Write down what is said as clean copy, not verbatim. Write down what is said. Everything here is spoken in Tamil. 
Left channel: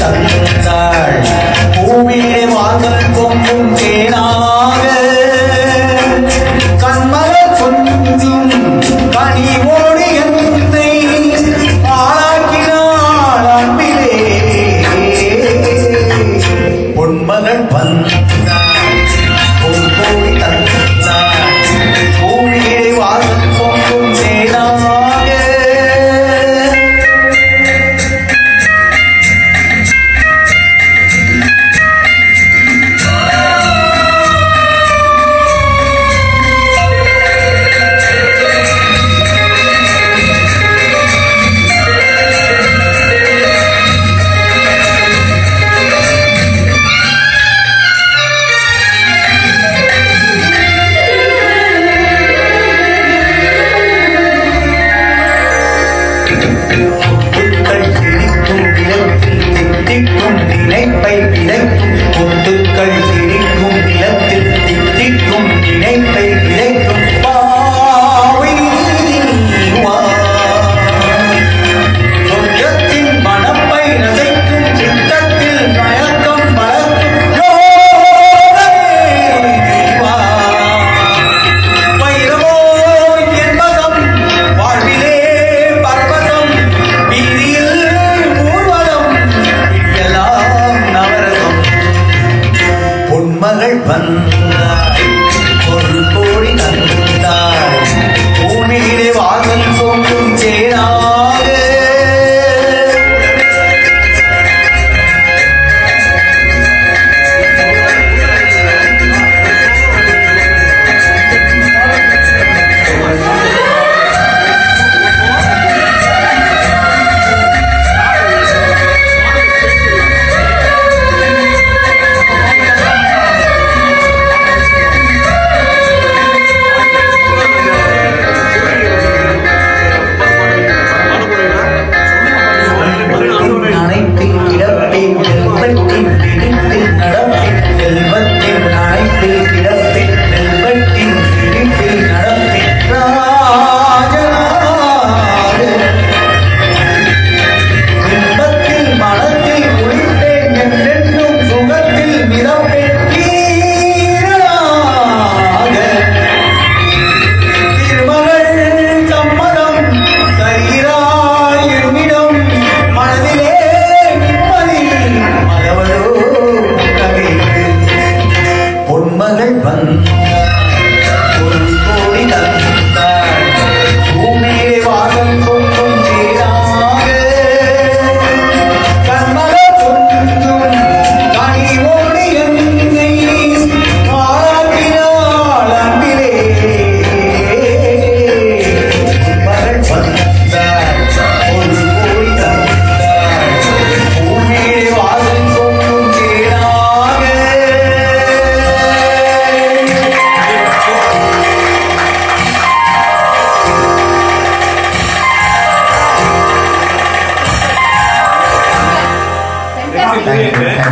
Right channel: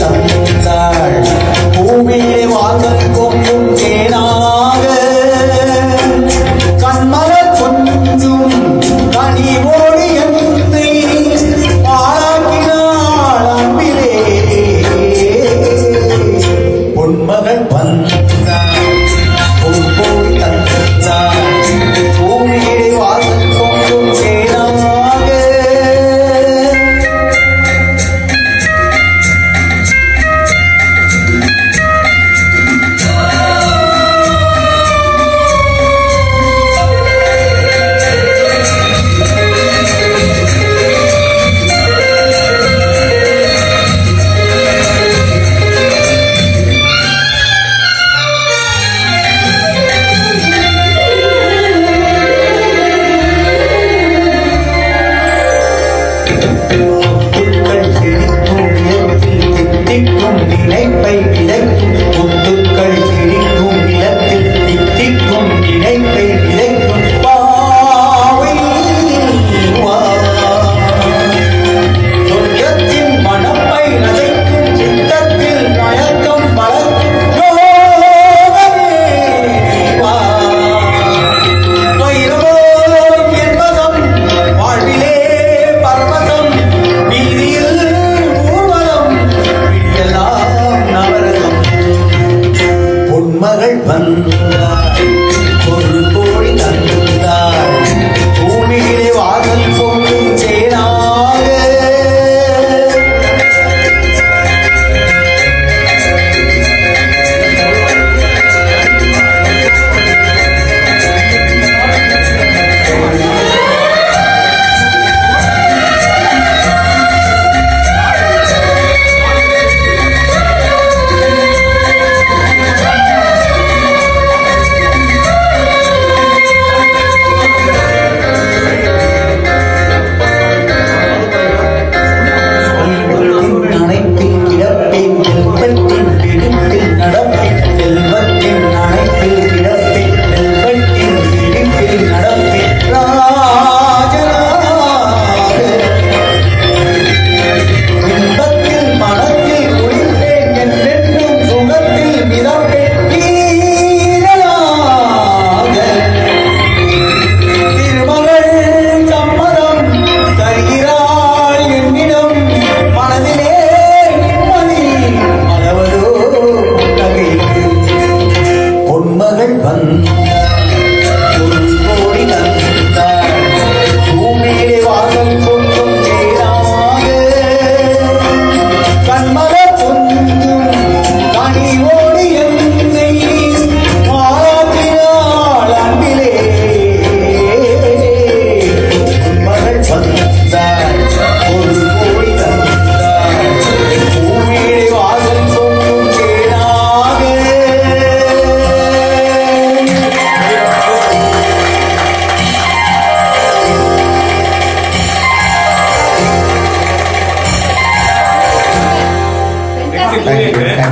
தந்தாள் பூமியே வாசல் பொங்கும் தேனாக கண்மலர் கொஞ்சும் கனிவோடு என்னை ஆளாக்கினாள் அன்பிலே பொன்மகள் வந்தாள் பொற்போடி தந்தாள் பூமியே வாசல் பொங்கும் தேனாக நினைப்பை விதைக்கும் முத்துக்கள் கிழிக்கும் நிலத்தில் தித்திக்கும் நினைப்பை விதைக்கும் பாவை சொர்க்கத்தின் மனப்பை நசைக்கும் சித்தத்தில் மயக்கம் வளர்க்கும் வைரவோ என்பதம் வாழ்விலே பரவசம் வீதியில் ஊர்வலம் பொன்மகள் வந்தாள் ஒரு கோடி தந்தாள் பூமியிலே வாசல் பொங்கும் தேனாக பொன்மகள் வந்தாள் ஒரு கோடி தந்தாள் பூமியிலே வாசல் பொங்கும் தேனாக கண்மலர் கொஞ்சும் கனிவோடு என்னை ஆளாக்கினாள் அன்பிலே பொன்மகள் வந்தாள் ஒரு கோடி தந்தாள் பூமியிலே வாசல் பொங்கும் தேனாக. Thank you.